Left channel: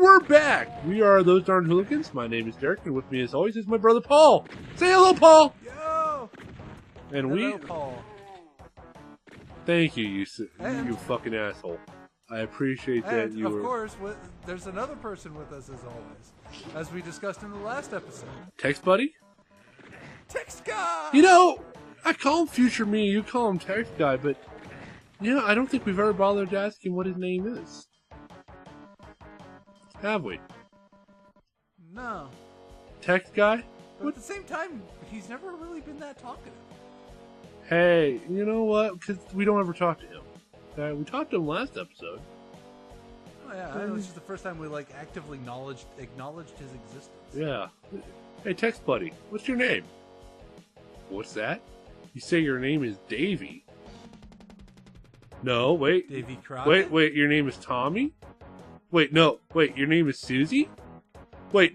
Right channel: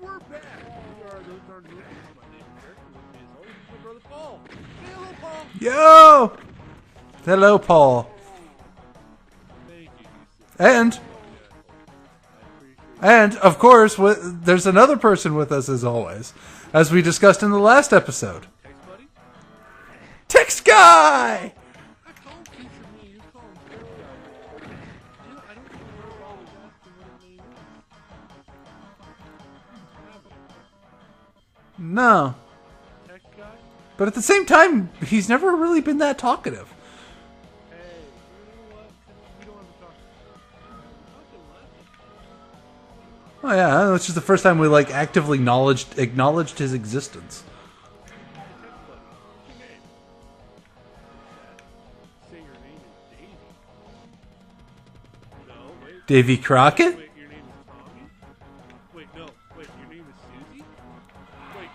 we're back. We are those Darn Hooligans. My name is Derek, and with me, as always, is my brother Paul. Say hello, Paul. Yo. And hello, Paul. Thank you, you fucking asshole. I appreciate. And of course, there's another person with us as always, as we discussed in the last episode. Text buddy. Text guy. You know, I call him Future Me. You call him Text Guy, but I don't think we've ever bothered to ask him what his name is. Have we? No. Text Guy? But at the same time, he's never really been that talkative. Hey, you know what? Because we don't ever talk to him. Okay? We talked to him last episode. Oh yeah, that's just the first time we actively acknowledged his existence. Yeah. Hey, Text Buddy, what's your name? What's that? You say your name is Davy. No, wait. Davy Crockett? Wait, your name is Tommy? Wait, no. Wait, your name is Susie? Wait,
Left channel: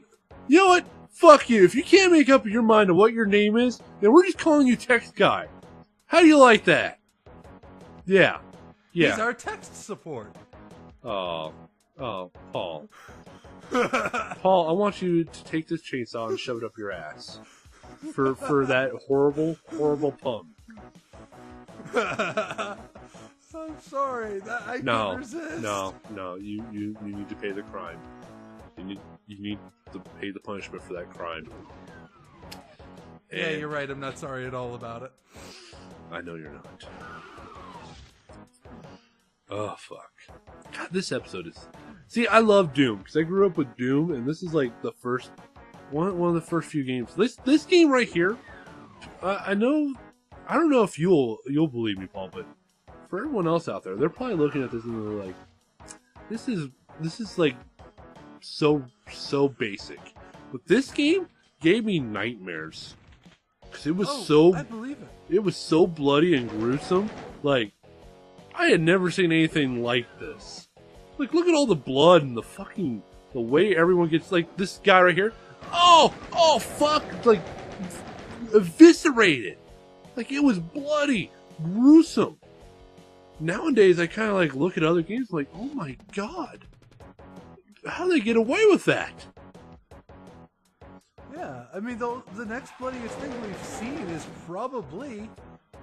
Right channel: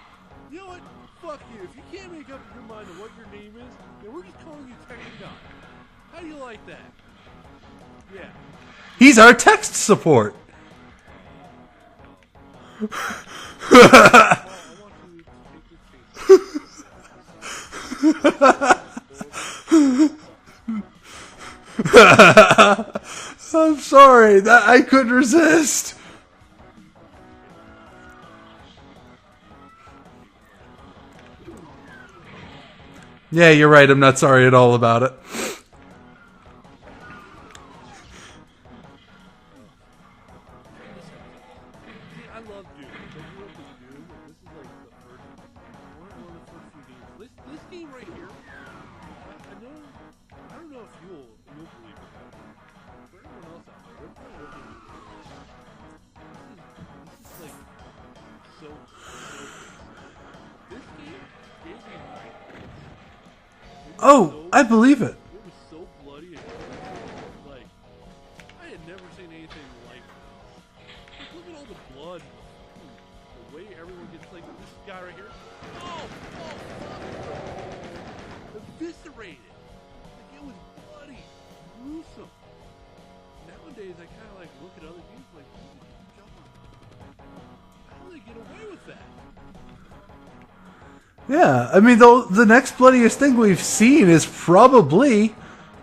you know what? Fuck you. If you can't make up your mind on what your name is, then we're just calling you Text Guy. How do you like that? Yeah. He's our text support. Oh, Paul. Paul, I want you to take this chainsaw and shove it up your ass. For that horrible pump. I'm sorry. I couldn't resist. No, you need to pay the crime. You need to pay the punishment for that crime. Yeah, you're right. I'm not sorry at all about it. I know you're not. Oh, fuck. God, this episode is... See, I love Doom, because I grew up with Doom, and this is like the first... One of the first few games. This game right here, I don't know if you'll believe me, Paul, but for everyone else out there, they're probably looking at this and they're like, this is like so basic. But this game gave me nightmares. It was I believe it. It was so bloody and gruesome. Like, I had never seen anything like this. Like, look at all the blood and the way everyone gets, like, this guy right here. Oh, fuck. Like, eviscerated. Like, it was bloody, gruesome. Nowadays, I kind of, look at other games like, oh my god. How do they get away with that? Yeah, I mean, the next bloodiest thing we've seen is probably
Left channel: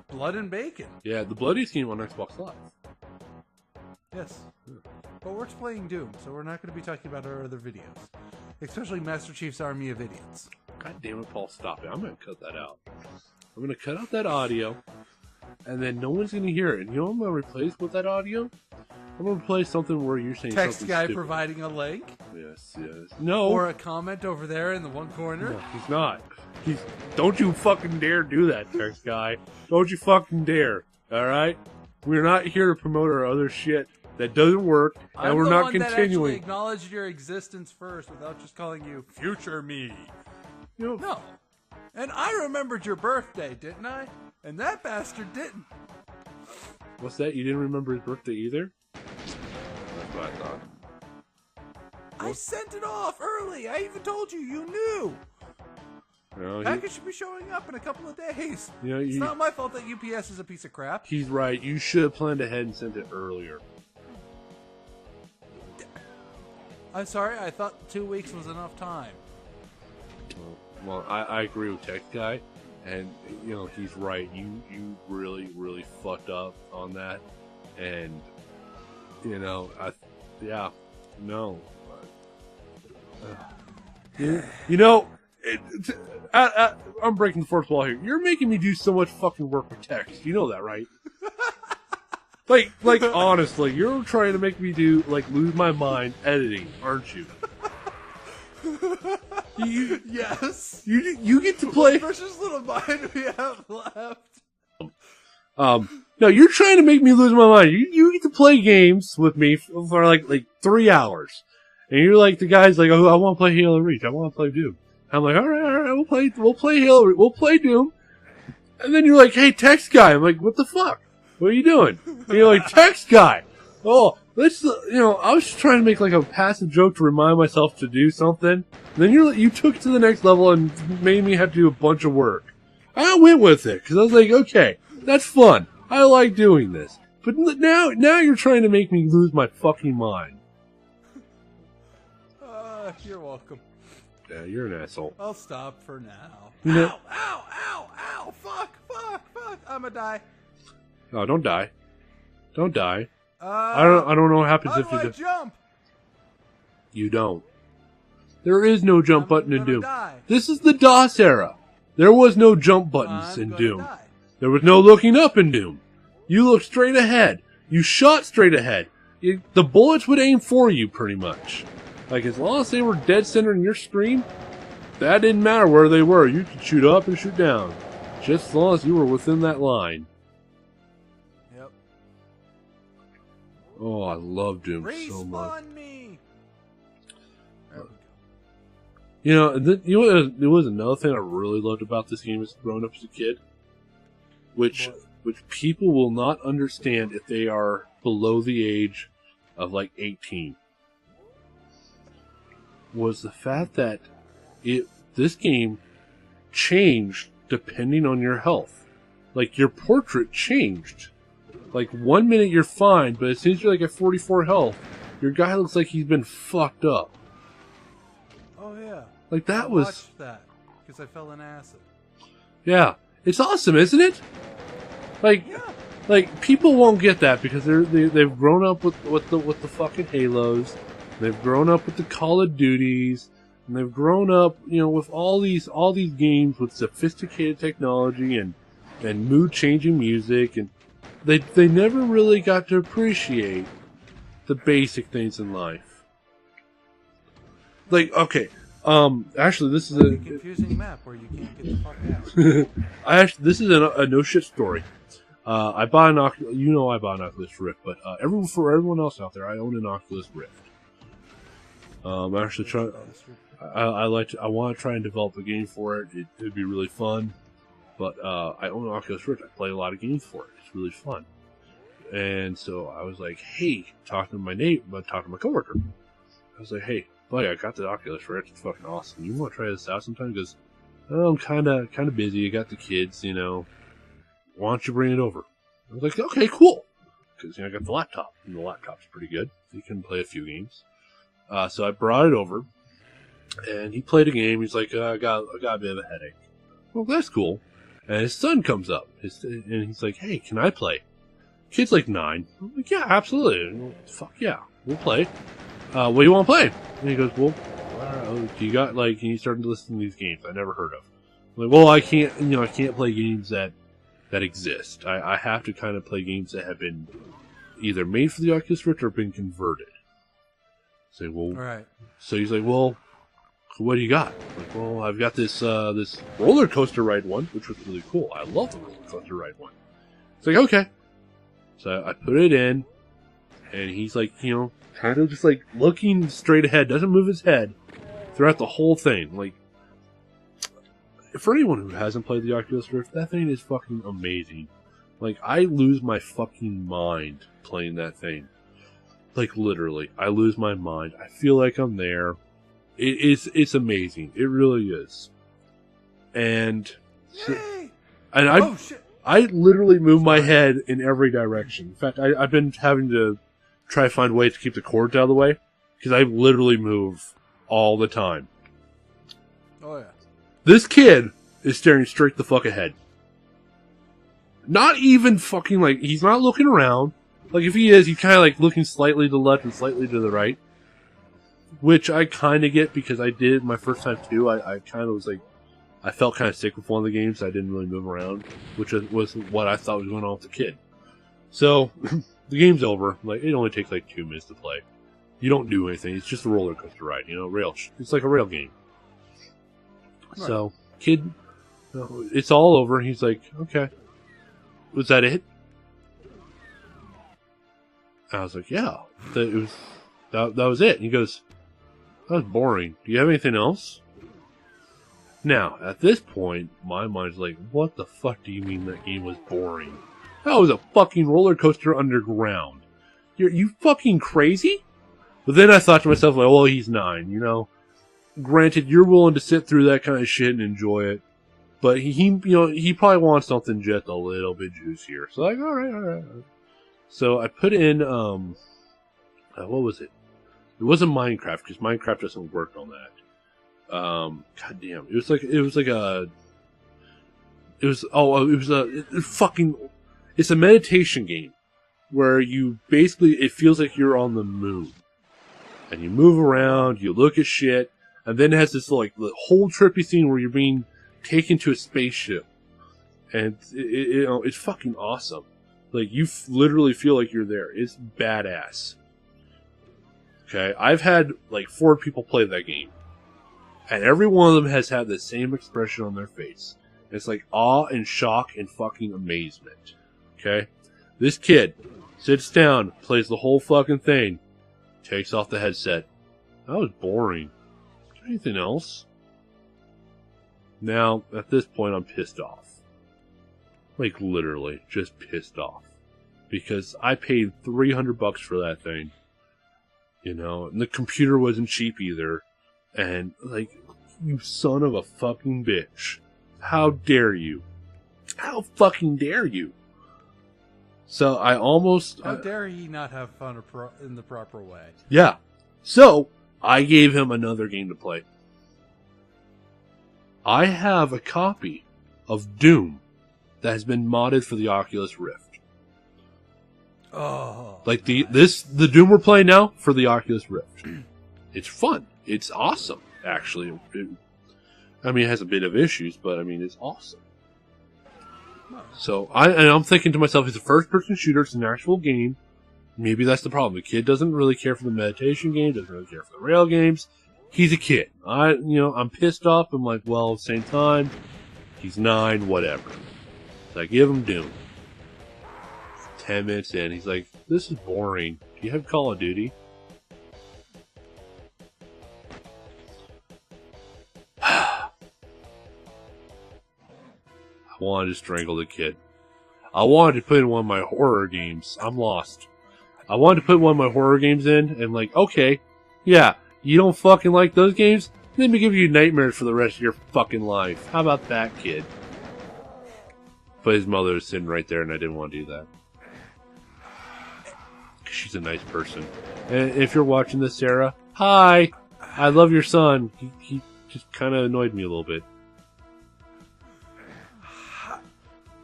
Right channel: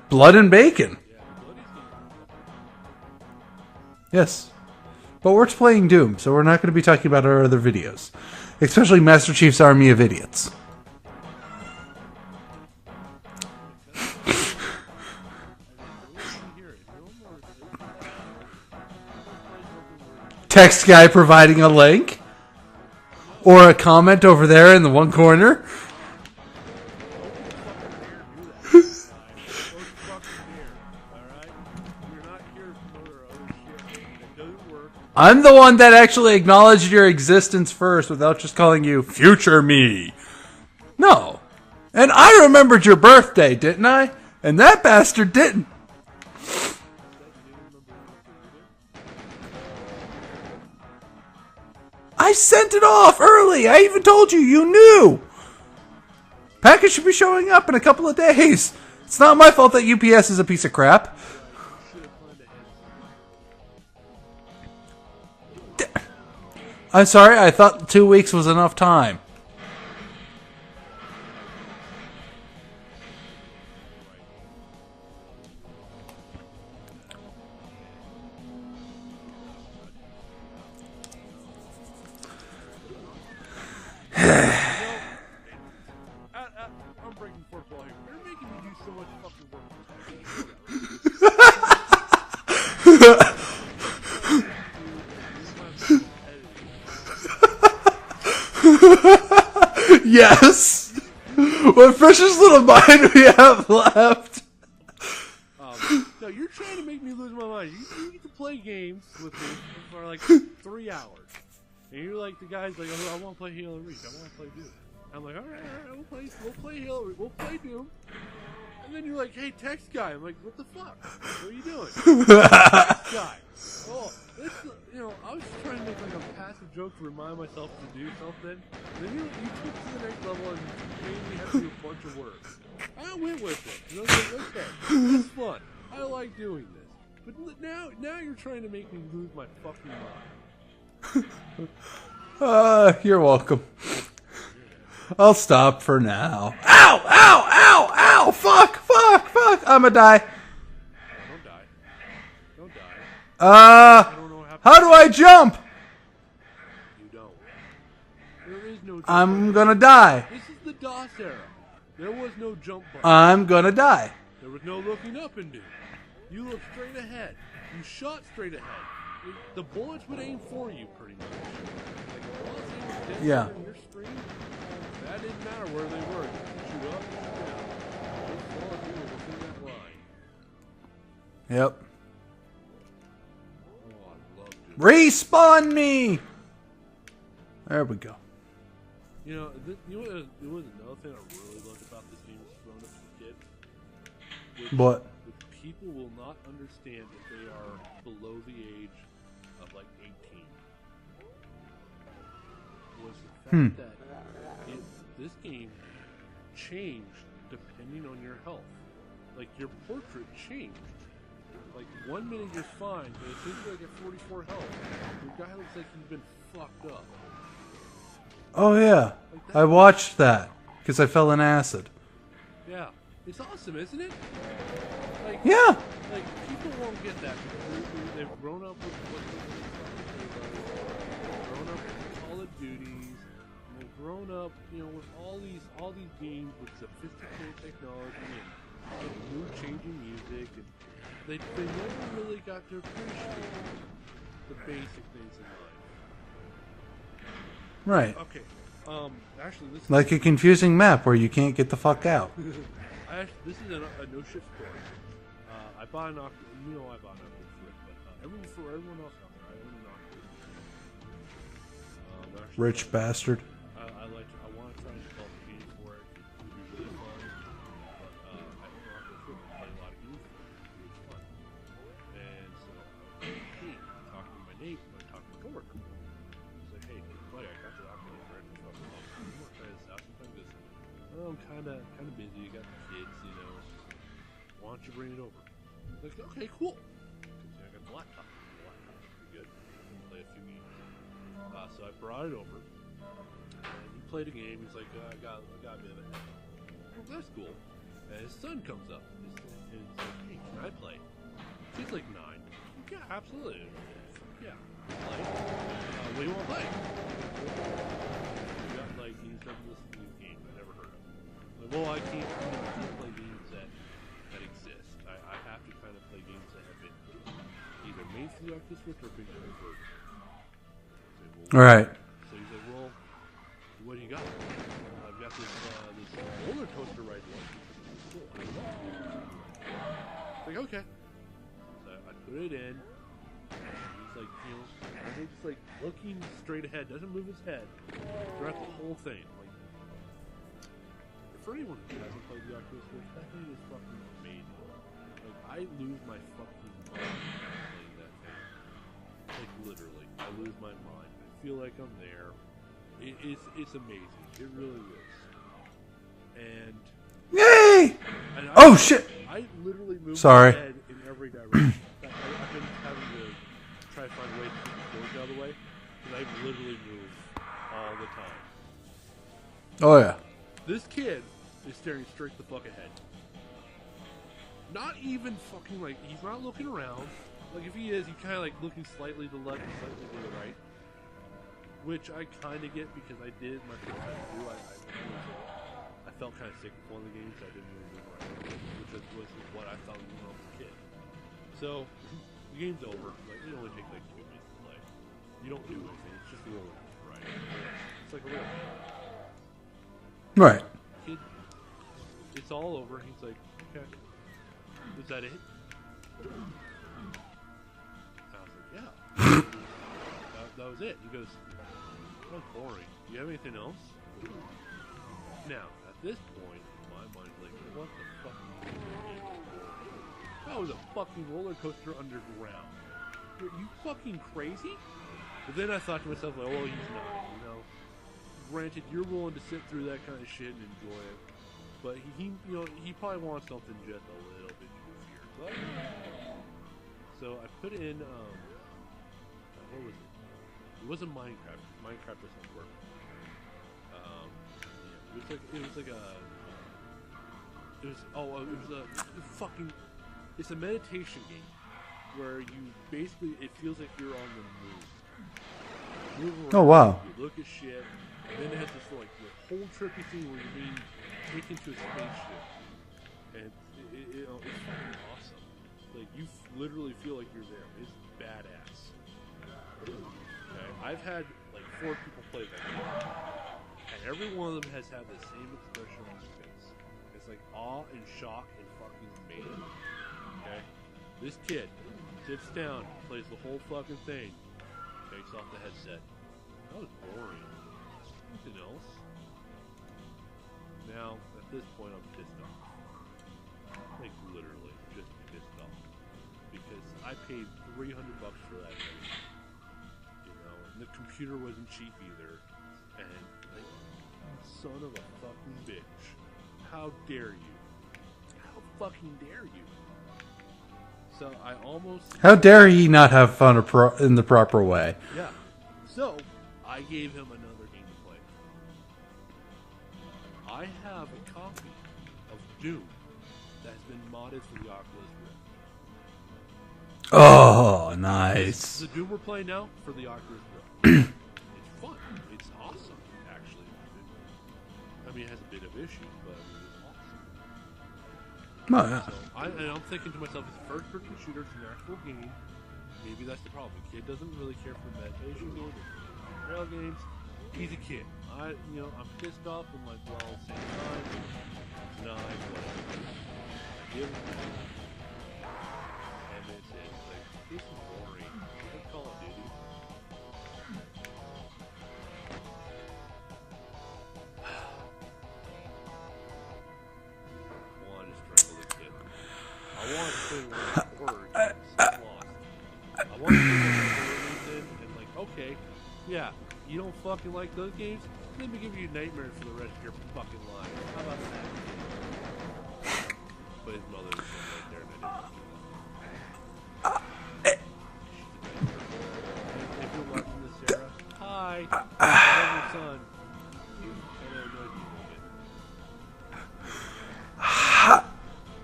Blood and Bacon. Yeah, the bloodiest game on Xbox Live. Yes. But we're playing Doom, so we're not going to be talking about our other videos. Especially Master Chief's Army of Idiots. God damn it, Paul, stop it. I'm going to cut that out. I'm going to cut out that audio, and then no one's going to hear it. And you know what I'm going to replace with that audio? I'm going to play something where you're saying... Text guy providing a link? Yes. No. Or a comment over there in the one corner? He's not. Don't you fucking dare do that, text guy. Don't you fucking dare. Alright? We're not here to promote our other shit that doesn't work. I'm the one that actually acknowledged your existence first without just calling you Future Me. No. And I remembered your birthday, didn't I? And that bastard didn't. What's that? You didn't remember his birthday either? I sent it off early. I even told you. You knew. Package should be showing up in a couple of days. It's not my fault that UPS is a piece of crap. He's right. You should have planned ahead and sent it earlier. I'm sorry. I thought 2 weeks was enough time. Well, I agree with Tech Guy, and he's right. You really fucked up on that, and I'm breaking the fourth wall here. You're making me do so much fucking work with text. You know that, right? like honestly, you're trying to make me lose my mind editing, aren't you? Yes. You get to what precious little mind we have left. No, you're trying to make me lose my mind. You get to play games with me for like 3 hours, and you're like the guy's like, oh, I want to play Halo Reach. I want to play Doom. I'm like, all right, we'll play Halo Reach. We'll play Doom. And then you're like, hey, text guy. I'm like, what the fuck? What are you doing? You're like, text guy. Oh, let's, I was just trying to make a passive joke to remind myself to do something. And then you took it to the next level and made me have to do a bunch of work. I went with it because I was like, okay, that's fun. I like doing this. But now you're trying to make me lose my fucking mind. You're welcome. Yeah, you're an asshole. I'll stop for now. Ow! Ow! Ow! Ow! Fuck! Fuck! Fuck! I'ma die. Oh, don't die. Don't die. I don't know what happened. How do I jump? You don't. There is no jump button. I'm gonna die. This is the DOS era. There was no jump button. I'm gonna die. There was no looking up in Doom. You looked straight ahead. You shot straight ahead. The bullets would aim for you, pretty much. Like, as long as they were dead center in your screen, that didn't matter where they were. You could shoot up and shoot down. Just as long as you were within that line. Yep. Oh, I love Doom. Respawn me! There we go. You know, there was another thing I really loved about this game as growing up as a kid. Which people will not understand if they are below the age of like 18. Was the fact that this game changed depending on your health. Like, your portrait changed. Like, 1 minute you're fine, but as soon as you're like at 44 health, your guy looks like he's been fucked up. Oh yeah, like that. I watched that because I fell in acid. Yeah, it's awesome, isn't it? Like, yeah, like people won't get that because they've grown up with the fucking Halos, they've grown up with the Call of Duties, and they've grown up, you know, with all these games with sophisticated technology and mood changing music, and they never really got to appreciate the basic things in life. Right. Like, okay, actually, this is like a confusing map where you can't get the fuck out. This is a no shit story. I bought an Oculus. You know, I bought an Oculus Rift, but for everyone else out there, I own an Oculus Rift. Rich bastard. I want to try and develop a game for it. It'd be really fun. But I own an Oculus Rift. I play a lot of games for it. It's really fun. And so I was like, hey, talking to my coworker. I was like, hey, buddy, I got the Oculus Rift. It's fucking awesome. You want to try this out sometime? He goes, oh, I'm kind of busy. I got the kids, you know. Why don't you bring it over? I was like, okay, cool. Because, you know, I got the laptop, and the laptop's pretty good. You can play a few games. So I brought it over, and he played a game. He's like, I got a bit of a headache. Well, that's cool. And his son comes up, and he's like, hey, can I play? Kid's like 9. I'm like, yeah, absolutely. Fuck yeah, we'll play. What do you want to play? And he goes, well, do you got, like, and he started listening to these games I never heard of. I'm like, well, I can't play games that exist. I have to kind of play games that have been either made for the Oculus Rift or been converted. Say, well, all right. So he's like, well, what do you got? Well, I've got this roller coaster ride one, which was really cool. I love the roller coaster ride one. It's like, okay. So I put it in, and he's like, you know, kind of just like looking straight ahead, doesn't move his head throughout the whole thing. Like, for anyone who hasn't played the Oculus Rift, that thing is fucking amazing. Like, I lose my fucking mind playing that thing. Like, literally, I lose my mind. I feel like I'm there. It's amazing. It really is. And yay! And shit! I literally move my head in every direction. In fact, I've been having to try to find ways to keep the cords out of the way because I literally move all the time. Oh yeah. This kid is staring straight the fuck ahead. Not even fucking like, he's not looking around. Like, if he is, he's kind of like looking slightly to the left and slightly to the right. Which I kind of get because I did my first time too. I kind of was like, I felt kind of sick with one of the games. So I didn't really move around, which was what I thought was going on with the kid. So, the game's over. Like, it only takes like 2 minutes to play. You don't do anything. It's just a roller coaster ride, you know, it's like a rail game. Right. So, kid, it's all over. He's like, okay. Was that it? I was like, yeah. That was it. And he goes, that was boring. Do you have anything else? Now, at this point, my mind's like, what the fuck do you mean that game was boring? That was a fucking roller coaster underground. You fucking crazy? But then I thought to myself, like, well, he's 9, you know? Granted, you're willing to sit through that kind of shit and enjoy it. But he probably wants something just a little bit juicier. So, like, all right. So I put in, what was it? It wasn't Minecraft because Minecraft doesn't work on that. God damn, it was it's a meditation game where you basically, it feels like you're on the moon. And you move around, you look at shit, and then it has this like the whole trippy scene where you're being taken to a spaceship. And it's fucking awesome. Like, you literally feel like you're there. It's badass. Okay, I've had like 4 people play that game. And every one of them has had the same expression on their face. It's like awe and shock and fucking amazement. Okay? This kid sits down, plays the whole fucking thing, takes off the headset. That was boring. Is there anything else? Now, at this point, I'm pissed off. Like, literally, just pissed off. Because I paid $300 for that thing. You know, and the computer wasn't cheap either. And, like, you son of a fucking bitch. How dare you? How fucking dare you? So I almost... How dare he not have fun in the proper way? Yeah. So I gave him another game to play. I have a copy of Doom that has been modded for the Oculus Rift. Oh, like nice. the Doom we're playing now for the Oculus Rift. It's fun. It's awesome, actually. It has a bit of issues, but I mean, it's awesome. Oh, yeah. So I'm thinking to myself, it's a first-person shooter. It's an actual game. Maybe that's the problem. The kid doesn't really care for the meditation game. Doesn't really care for the rail games. He's a kid. I'm pissed off. I'm like, well, at the same time, he's 9, whatever. So I give him Doom. 10 minutes in, he's like, this is boring. Do you have Call of Duty? I wanted to strangle the kid. I wanted to put in one of my horror games. I'm lost. I wanted to put one of my horror games in, and like, okay, yeah, you don't fucking like those games? Let me give you nightmares for the rest of your fucking life. How about that, kid? But his mother was sitting right there, and I didn't want to do that. She's a nice person. And if you're watching this, Sarah, hi! I love your son. He just kind of annoyed me a little bit.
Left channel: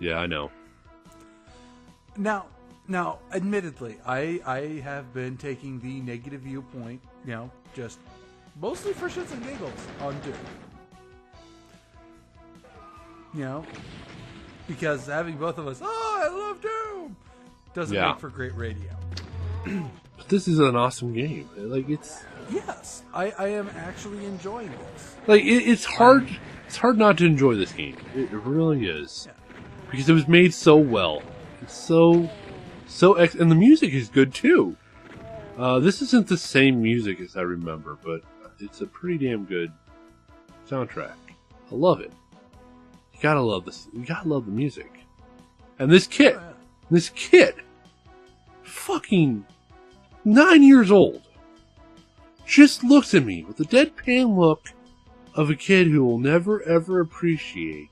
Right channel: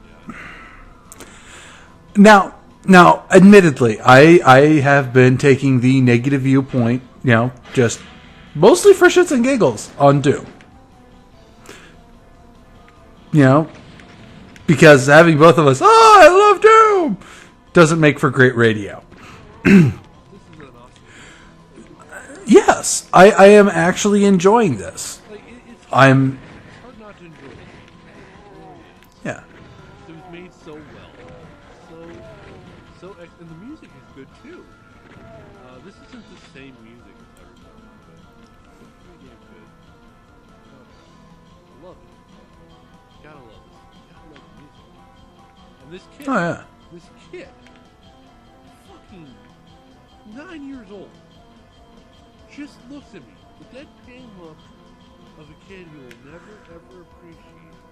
Yeah, I know. Now, admittedly, I have been taking the negative viewpoint, just mostly for shits and giggles on Doom. Because having both of us, I love Doom, doesn't make for great radio. This is an awesome game. Like, it's... Yes, I am actually enjoying this. Like, it's hard. It's hard not to enjoy this game. It really is. Yeah. Because it was made so well. It's and the music is good too. This isn't the same music as I remember, but it's a pretty damn good soundtrack. I love it. You gotta love this. You gotta love the music. And this kid, fucking 9 years old, just looks at me with the deadpan look of a kid who will never ever appreciate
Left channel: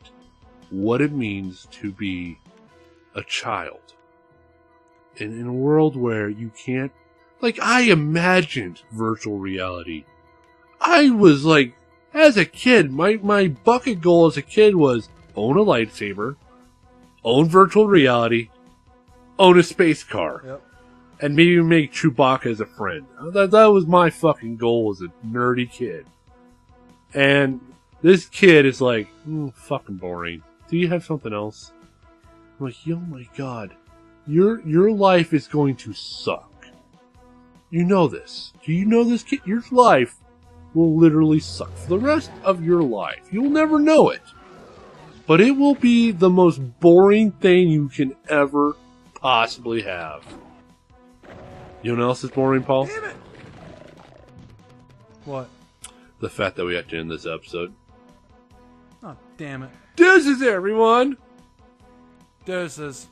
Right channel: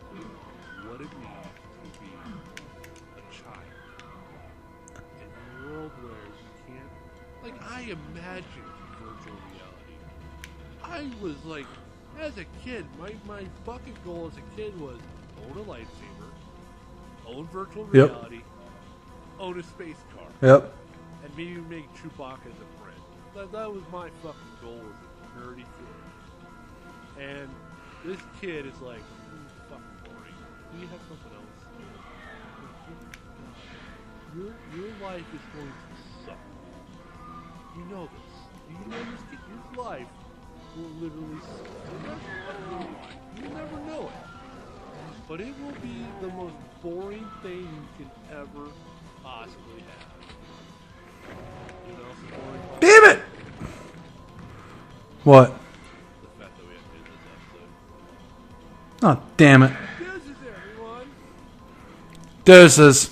what it means to be a child. And in a world where you can't... Like, I imagined virtual reality. I was like, as a kid, my bucket goal as a kid was own a lightsaber, own virtual reality, own a space car. Yep. And maybe make Chewbacca as a friend. That was my fucking goal as a nerdy kid. And this kid is like, fucking boring. Do you have something else? I'm like, oh my god. Your life is going to suck. You know this. Do you know this, kid? Your life will literally suck for the rest of your life. You'll never know it. But it will be the most boring thing you can ever possibly have. You know what else is boring, Paul? Damn it! What? The fact that we have to end this episode. Oh, damn it. Deuces, everyone! Deuces.